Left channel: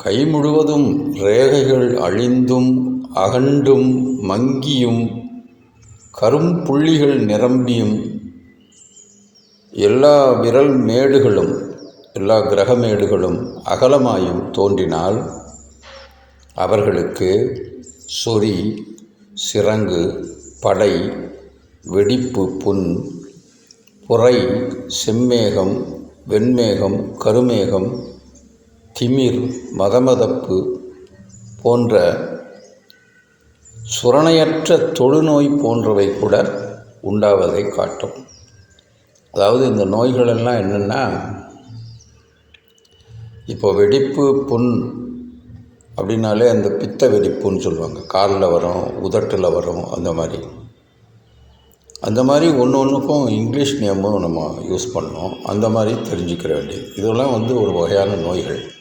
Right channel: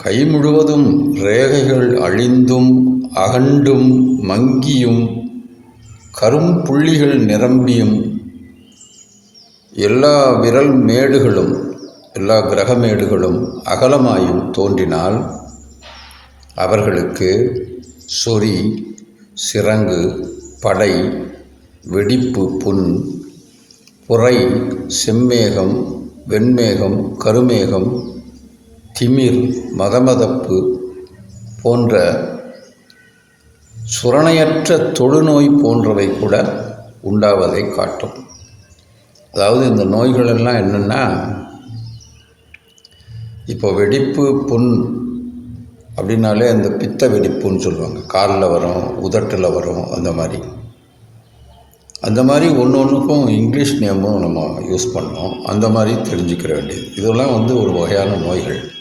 கை முழுவதும் ரேகைகள் அழிந்தும் அகண்டும் மங்கியும் கரும்புள்ளிகள் நிரம்பியும் எல்லா விரல் மேடுகளும் எல்லா கிரகமேடுகளும் அகலமாயும் தோன்றினால் அவர்களுக்கு சொறி, சிரங்கு, படை, வெடிப்பு புண், புரை, செம்மேகம், வெண்மேகம், கருமேகம், திமிர், மதமதப்பு போன்ற சுரணையற்ற தொழுநோய் போன்றவை கூட உண்டாவதை காட்டும். அதாவது இந்த நோய்களெல்லாம் என்னென்னா, இப்போ வெடிப்பு புண் அப்படின்னாலே இந்த பித்த வெடிப்புன்னு சொல்லுவாங்க. காலில் வரும், உதட்டில் வரும், அந்த மாதிரி ஒன்று ஒன்றுக்கும் இங்கிலீஷ் நேமும் நம்ம யூஸ் பண்ணோம். அந்த மாதிரி தெரிஞ்சுக்கிற வேண்டியது. இதெல்லாம் ஒரு வகையான நோய்கள்.